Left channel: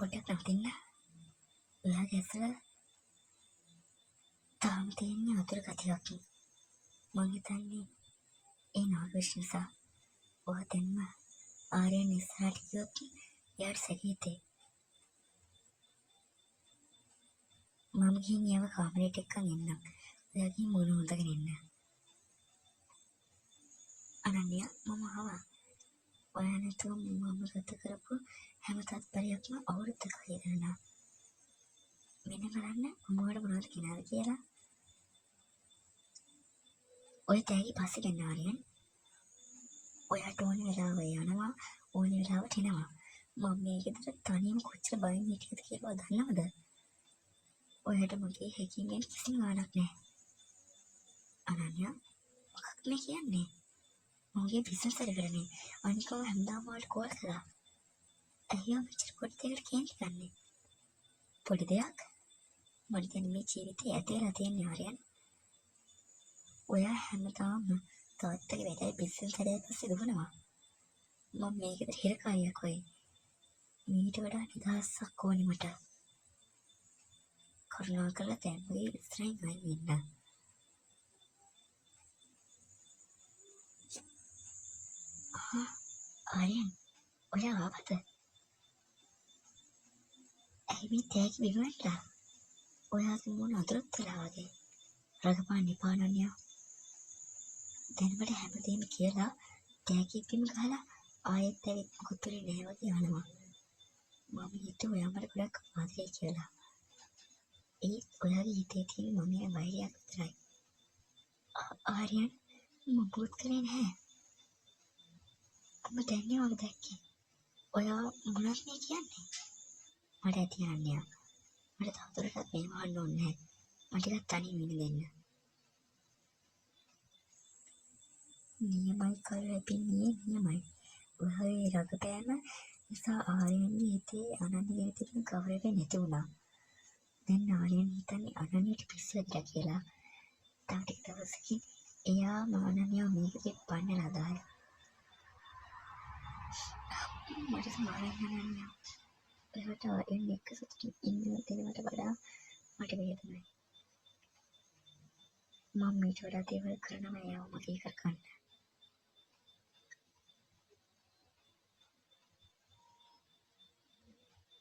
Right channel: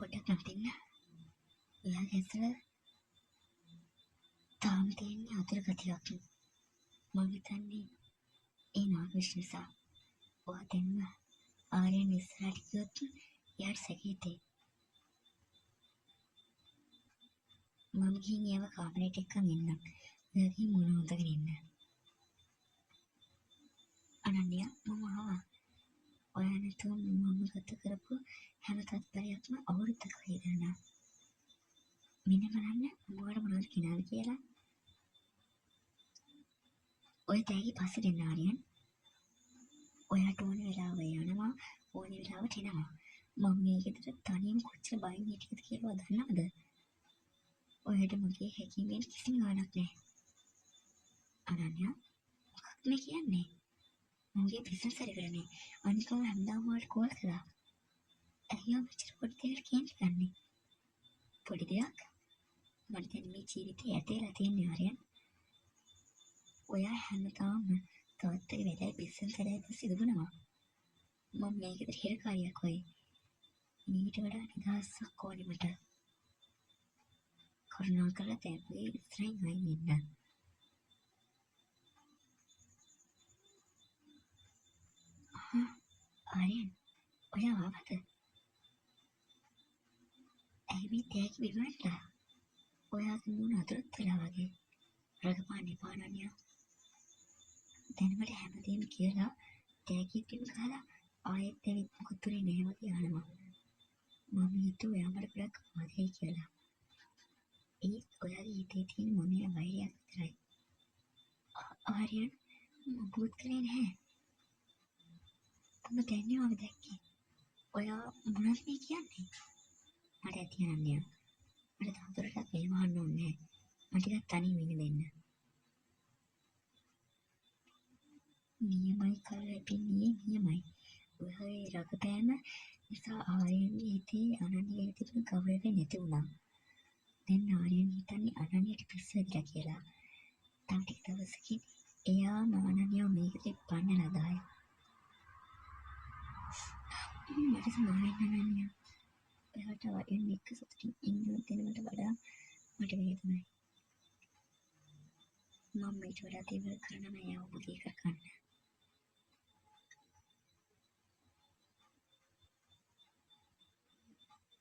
පොඩ්ඩක් නවතින්න. ඔයාගේ ඇසල තාම තියෙන්නේ අතුරු ගතියක්. මං හිතන්නේ ඒ නාගවිෂ නිසා. ඔයා දෙන්න ආර්යයන් ඉස්සරහට ගියොත් එයාට සැකහිතේ. මම ගිහින් එයාව කාමරයට එක්කන් එන්නම්. ඔයා ගිහින් මොන හොඳගෙන ඉන්න. අනන්‍ය මම ආවා. ඔයා නැතුව මම ගත කරපු හැම තත්පරයක්ම අවුරුද්දක ඉගෙනනා. මෙන්න බලන්න මම ඔයාලට මොනවද කියනවාද කියලා. ඔය තෑගි පස්සේ දෙන්න ආර්යයන්. ඔයාට ඕන වෙලාව යනවා, ඕන වෙලාවට එනවා. මම මේ ගෙදර තනියම කොච්චර බයෙන් හිටියද කියලා දන්නවද? ඔයාට මගේ හැකියාවෙන් කිසිම ගාණක් නැහැ. අනන්‍ය මොකක්ද මේ කියන්නේ? මගේ බිස්නස් එකනේ. අනිකම හැමදාම වලට කෝල් කළා. ඇයි අපච්චර පොඩි දෙයකට කියන්නේ ගන්නේ? පොඩි දෙයක්? මට දැන් මේ ජීවිතේ ඇතේලා තියෙන ආර්යයන්. ඔයා හැමදාම තාත්තගේ වැඩයි බිස්නස් වැඩයි පස්සේ දුවනවා. මම මේකද හිරකාරියක් වෙයි. මීට වඩා නිදහසක් ඕනේ මට. කරුණාකරලා දැන් මගේ ඉස්සරහින් අයින් වෙන්න. ආර්යයන් ඔයා ආවද? ඇයි මේ තෑගි විවරලා? ඔයාගේ මොන අතුරුත් වෙලා වගේ. රගපාන්න එපා අනන්‍ය. දැන් මට හැමදේම කියලා තෑගි පින් ගහලා ආයෙත් ඇවිත් මොකුත් වෙන්නේ නැහැ වගේ අහනවා. මම හිතුවා ඔයා මට ගොඩක් ආදරේ කියලා. ඒත් ඔයාගේ හිතේ තියෙන මම වෛරයක් විතරයි. ආර්යයන් මම බුත් කරේ නැහැ. මම දැන්නේ ඔයාව දැක්කේ. ඔයා මොනවද මේ කියන්නේ? මට ඇති අනන්‍ය. මට තවදුරටත් මේ වහන්න ඕනේ නැහැ. මට ටිකක් තනියම ඉන්න දෙන්න. නියමයි කල්පින්නේ නියමයි. ඔයාගේ රගපෑම නිසා ආර්යයන්ගේ හිතේ අනන්‍යගේ තිබුණු ගෞරවය නැති වුණා. දැන් ආර්යයන් හිතන්නේ අනන්‍යයට පිස්සු වැදිලා කියලා. තව ටික දවසකින් එයා අනන්‍යව මේකෙදි පන්නලා දාලා. මට සමාවෙන්න අනන්‍ය. ඔයාට ආර්යයන් එක්ක සතුටින් ඉන්න දෙනවට වඩා මට වේදනයි. මම මේට වඩා දේවල් කරනවා එයාව මගේ කරගන්න.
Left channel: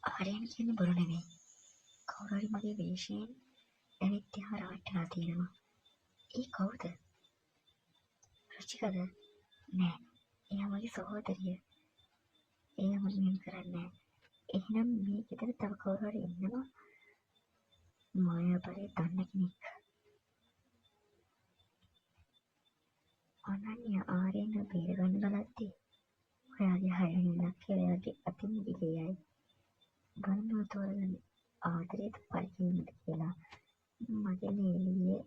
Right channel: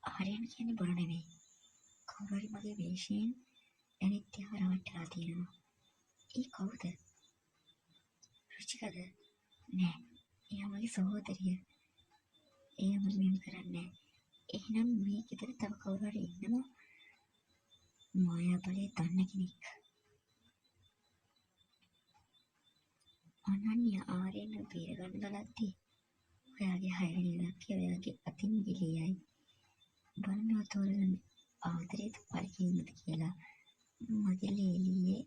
ආර්යයන් කියන්නේ බොරු නෙමෙයි. කවුරු හරි මගේ වේශයෙන් ඇවිත් එහා රවට්ටලා තියෙනවා. ඒ කවුද? රුචිකද? නෑ. එයා මගේ සහෝදරිය. එයා මට මෙහෙම කරන්නේ නෑ. එහෙනම් මේ ගෙදර තව කවුරු හරි ඉන්නවා. මායාපලේ දන්න කෙනෙක්. අනන්‍ය ආර්යයන් බේරගන්න බලද්දී ඔයාගේ හයවෙනි ඉලක්කය ඔයාගේ අතින් ගිලියයි. බලන්න තෝරගන්න ආදරේද පරිකේමද කියලා. මගේ ලේලියේ